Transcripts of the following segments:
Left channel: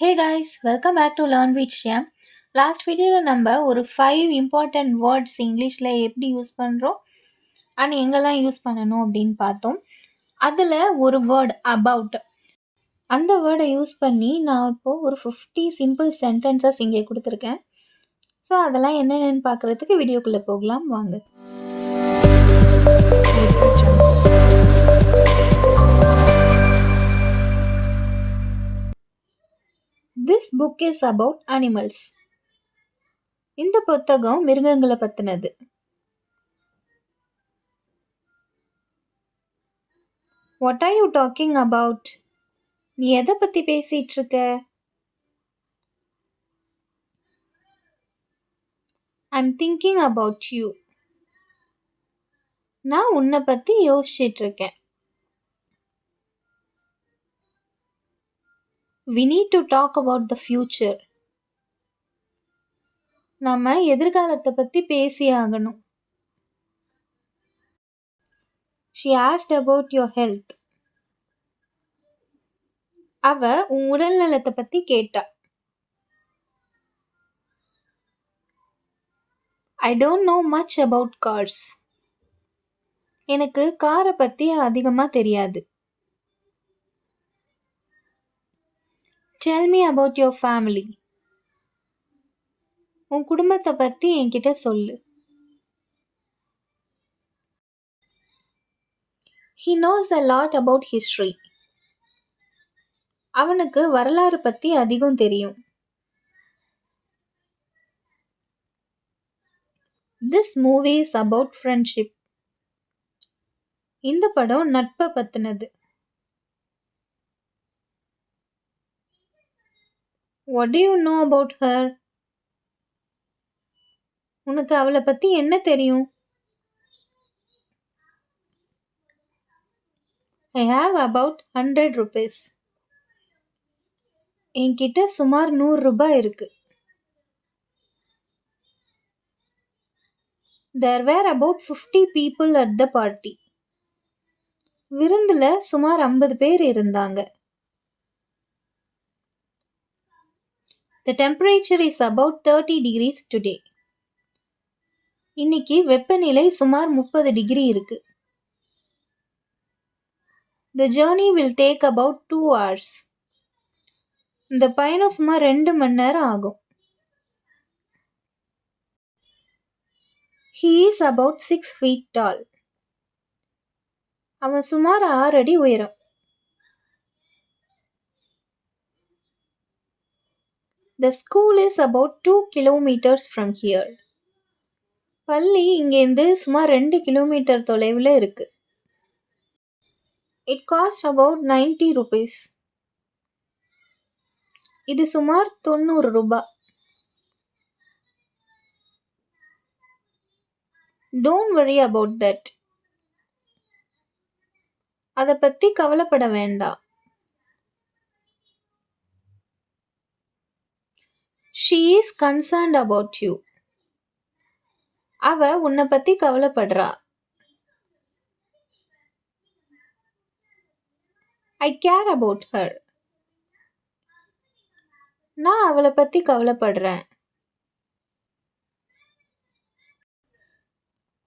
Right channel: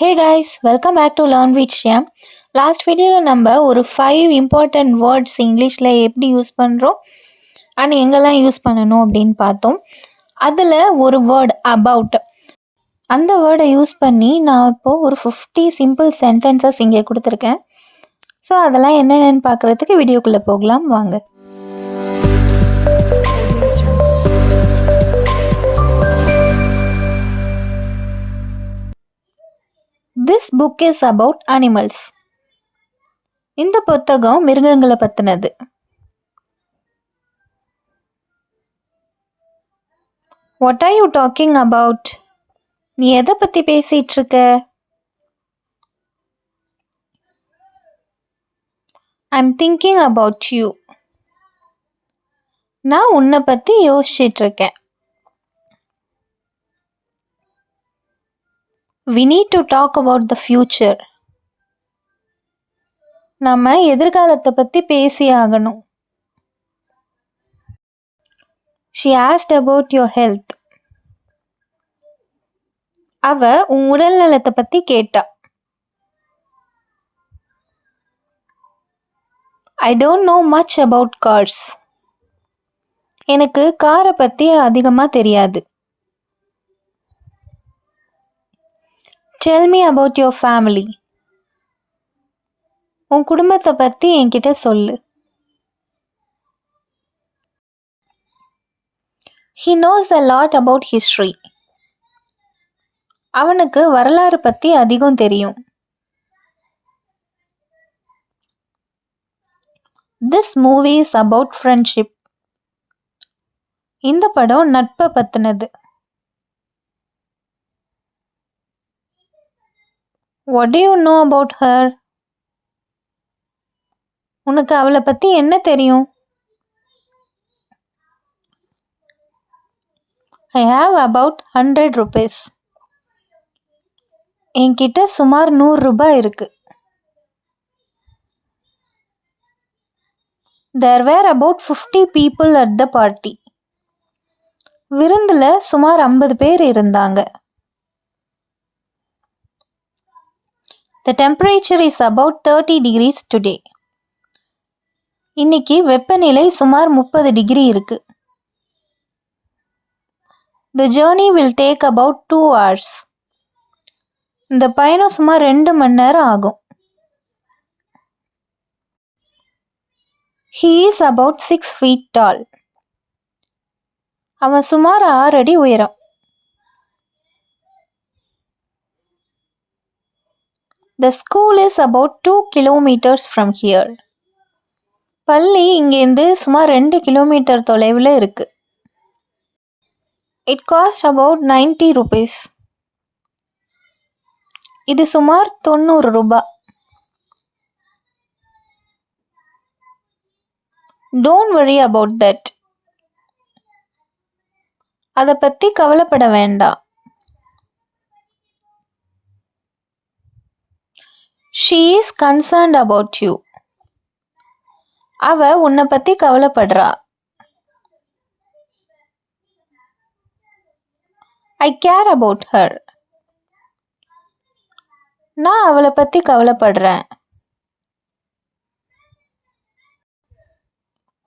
Hey guys, welcome back to learn with Shyam. Last வீடியோவில் நம்ம ஒரு 5 இம்பார்ட்டண்ட் வேர்ட்ஸ் இங்கிலீஷில் எப்படி யூஸ் பண்ணுறோம் அண்ட் எங்கெல்லாம் யூஸ் பண்ணணும் அப்படின்னு பார்த்தோம். அதில் ஒரு வேர்ட் அபவுட், அந்த வேர்டை யூஸ் பண்ணி நான் இப்போது ஒரு 50 சிம்பிள் சென்டென்சஸ் இங்கே கொடுத்துருக்கேன். ஸோ அதெல்லாம் என்னென்னு பார்க்குறதுக்கு வீடியோக்குள்ளே போகலாம் வாங்க. This book is about animals. இந்த புத்தகம் மிருகங்களை பற்றினது. What are you talking about? நீ எதை பற்றி பேசிகிட்டு இருக்க? I'm thinking about you. நான் உன்னை பற்றி யோசிச்சுட்டு இருக்கேன். We need to talk about the future. நம்ம எதிர்காலத்தை பற்றி பேசி ஆகணும். She asked about your health. அவ உன் உடல் நலத்தை பற்றி கேட்டா. I don't know much about cars. எனக்கு காரை பற்றி அதிகமாக தெரியாது. Tell me about your family. உன் குடும்பத்தை பற்றி என்கிட்ட சொல்லு. He knows a lot about history. அவனுக்கு வரலாறு பற்றி அதிகம் தெரியும். This movie is about friendship. இந்த படம் நட்பை பற்றினது. What do you know about her? உனக்கு அவளை பற்றி என்ன தெரியும்? I have about 100 rupees. என்கிட்ட சுமார் 100 ரூபாய் இருக்கு. There were about 50 people at the party. விருந்தில் சுமார் 50 பேர் இருந்தாங்க. The temperature is about 30 degrees today. இன்னைக்கு வெப்பநிலை சுமார் 30 டிகிரி இருக்கு. The journey will take about 2 hours. இந்த பயணம் சுமார் 2 மணி நேரம் ஆகும். He is about 6 feet tall. அவன் சுமார் 6 அடி உயரம். The school is about 2 kilometers from here. பள்ளி இங்கேருந்து சுமார் 2 கிலோமீட்டர் தொலைவில் இருக்கு. It cost about 90 rupees. இது சுமார் 90 ரூபாய். Don't worry about that. அதை பற்றி கவலைப்பட வேண்டாம். She is concerned about you. அவ உன்னை பற்றி கவலைப்படுறா. I care about her. நான் அவளை பற்றி கவலைப்படுறேன்.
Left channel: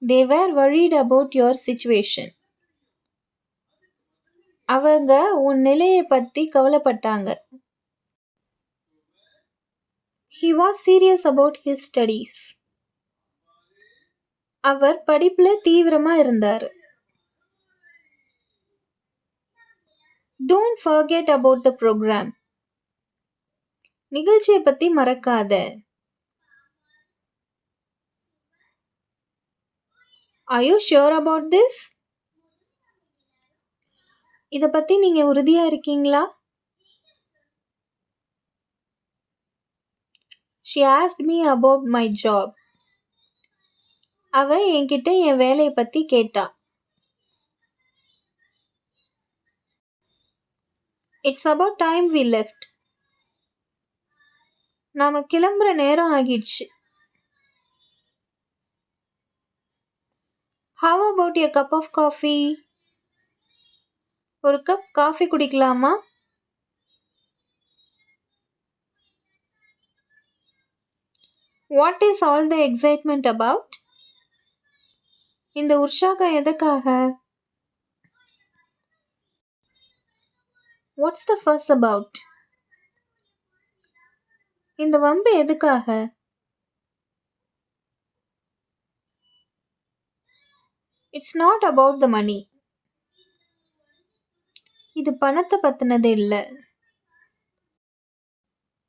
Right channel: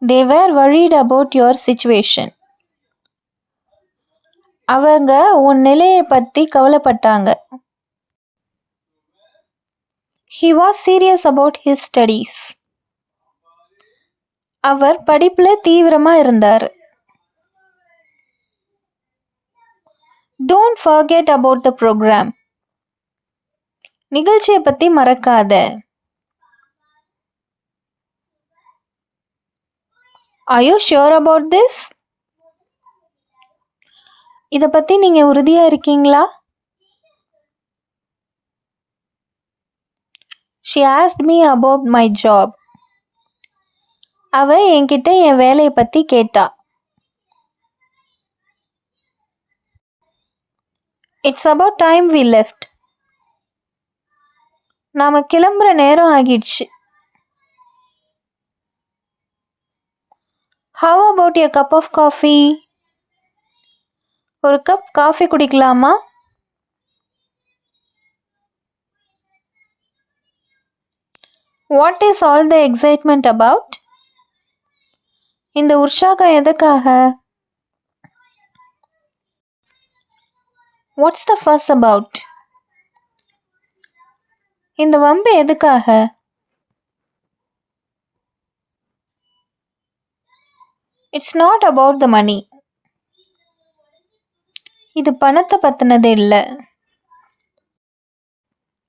They were worried about your situation. அவங்க உன் நிலையை பற்றி கவலைப்பட்டாங்க. He was serious about his studies. அவர் படிப்பில் தீவிரமாக இருந்தார். Don't forget about the program. நிகழ்ச்சியை பற்றி மறக்காத. Are you sure about this? இதை பற்றி நீங்கள் உறுதியாக இருக்கீங்களா? She asked me about my job. அவ என்கிட்ட என் வேலையை பற்றி கேட்டா. It's about time we left. நாம கிளம்புற நேரம் ஆகிடுச்சு. How about a cup of coffee? ஒரு கப் காஃபி குடிக்கலாமா? What is all the excitement about? இந்த உற்சாகம் எதுக்காக? What's the fuss about? இந்த வம்பு எதுக்காக? It's not about the money. இது பணத்தை பத்தினது இல்ல.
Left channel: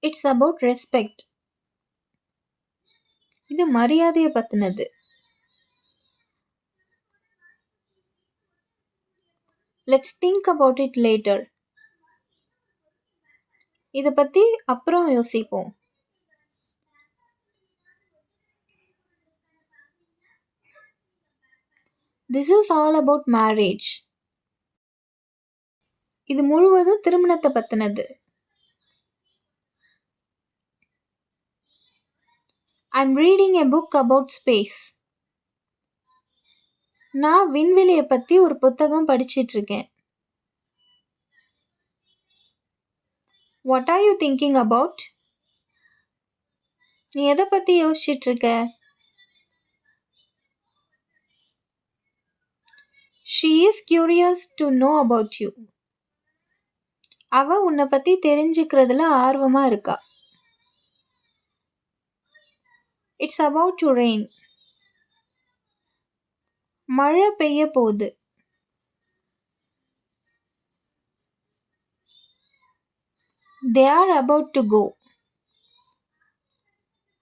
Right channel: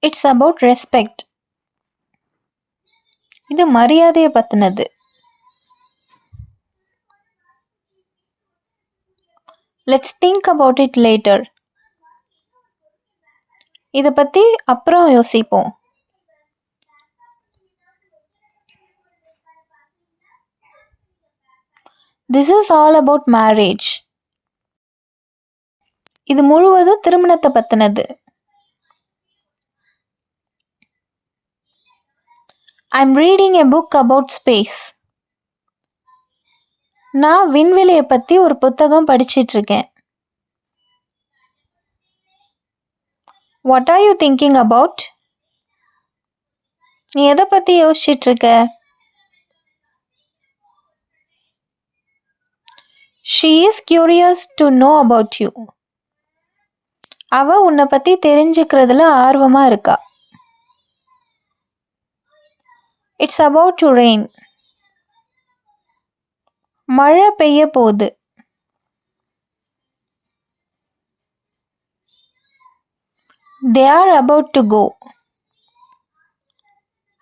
It's about respect. இது மரியாதையை பத்தினது. Let's think about it later. இத பத்தி அப்புறம் யோசிப்போம். This is all about marriage. இது முழுவதும் திருமணத்தை பத்தினது. I'm reading a book about space. நான் விண்வெளியை பத்தி ஒரு புத்தகம் படிச்சிட்டு இருக்கேன். What are you thinking about? நீ எதை பத்தி யோசிச்சிட்டு இருக்க? She is curious to know about you. அவ உன்னை பத்தி தெரிஞ்சுக்கிறதுல ஆர்வமா இருக்கா. It's about to rain. மழை பெய்ய போகுது. They are about to go.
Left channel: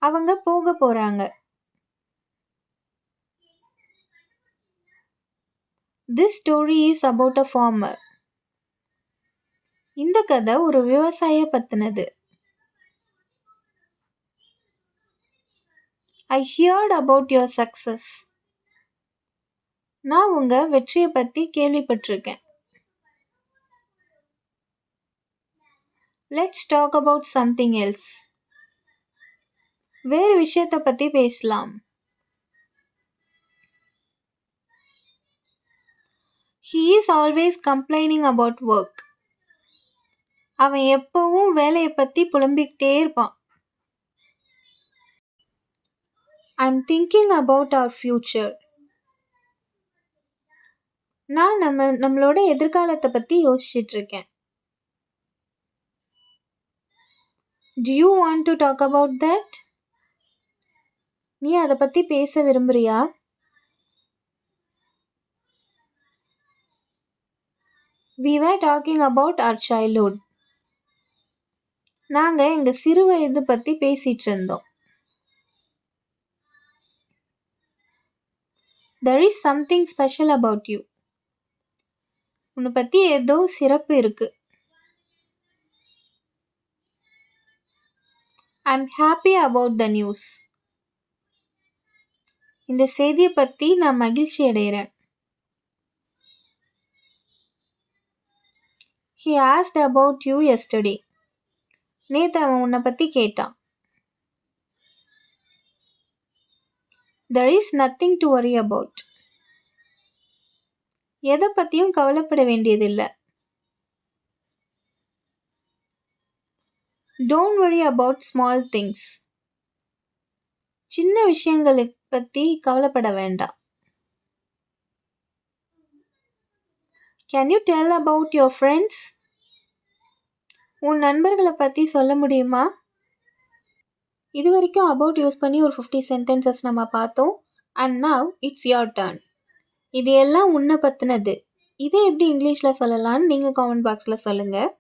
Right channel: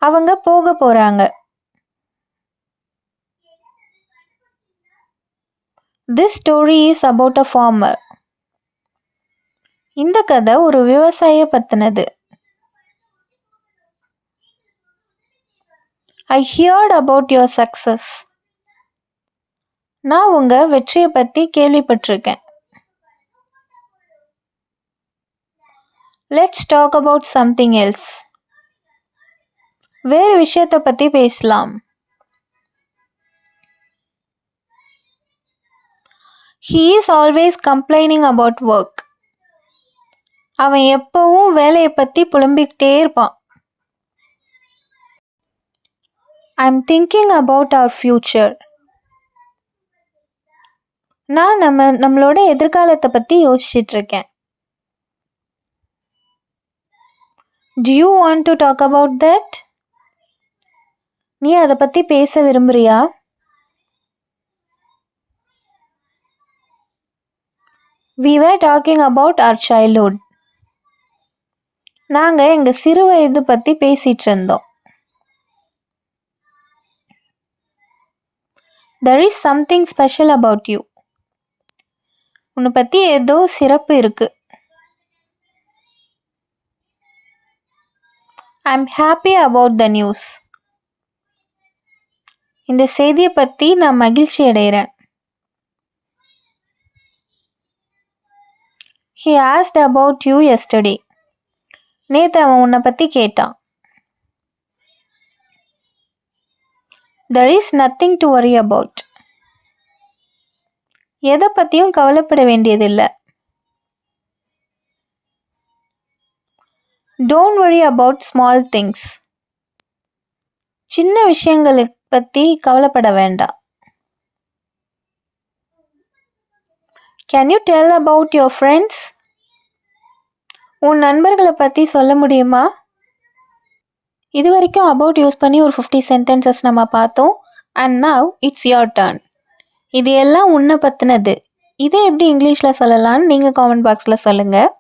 அவங்க போக போறாங்க. This story is about a farmer. இந்த கதை ஒரு விவசாய பத்தினது. I heard about your success. நான் உங்க வெற்றியை பத்தி கேள்விப்பட்டிருக்கேன். Let's talk about something else. வேறு விஷயத்தை பத்தி பேசலாம். He is always complaining about work. அவன் எப்பவும் வேலையை பத்தி புலம்பிக்கிட்டே இருப்பான். I'm thinking about our future. நான் நம்மளோட எதிர்காலத்தை பத்தி யோசிச்சுட்டு இருக்கேன். Do you want to talk about that? நீ அதை பத்தி பேச விரும்புறியா? We were talking about our childhood. நாங்க எங்க சிறு வயது பத்தி பேசிட்டு இருந்தோம். There is something special about you. உன்னை பத்தி ஏதோ சிறப்பு இருக்கு. I'm happy about the news. இந்த செய்தியை பத்தி நான் மகிழ்ச்சி அடைகிறேன். He asked about you yesterday. நேத்து அவன் உன்னை பத்தி கேட்டான். There is nothing to worry about. எதை பத்தியும் கவலைப்பட வேண்டியதில்லை. Don't worry about small things. சின்ன விஷயங்களை பத்தி கவலைப்பட வேண்டாம். Can you tell about your friends? உன் நண்பர்களை பத்தி சொல்ல முடியுமா? இது வரைக்கும் about யூஸ் பண்ணி ஒரு 50 sentences நம்ம பார்த்தோம். And now it's your turn. இது எல்லாம் உன்னை பத்தினது. இதை எப்படி இங்கிலீஷில் சொல்லலாம்னு நீங்கள் காமெண்ட் பாக்ஸில் சொல்லுங்கள்.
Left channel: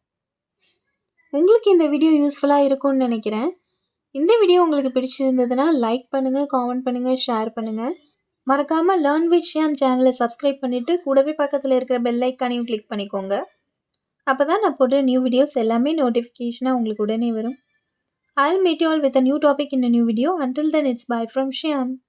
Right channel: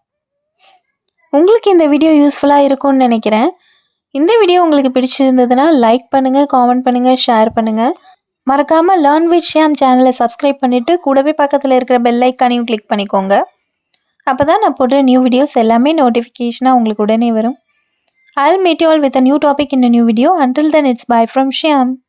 உங்களுக்கு இந்த வீடியோ யூஸ்ஃபுல்லாக இருக்கும்னு நினைக்கிறேன். இந்த வீடியோ உங்களுக்கு பிடிச்சிருந்ததுன்னா லைக் பண்ணுங்கள், காமெண்ட் பண்ணுங்கள், ஷேர் பண்ணுங்கள். மறக்காமல் லேர்ன் வித் ஷியாம் சேனலை சப்ஸ்கிரைப் பண்ணிவிட்டு கூடவே பக்கத்தில் இருக்கிற பெல் ஐக்கானையும் கிளிக் பண்ணிக்கோங்க. அப்போ தான் நான் போடுற நியூ வீடியோஸ் எல்லாமே நோட்டிஃபிகேஷனாக உங்களுக்கு உடனே வரும். I'll meet you all with a new topic in a new video. Until then, it's bye from Shyam.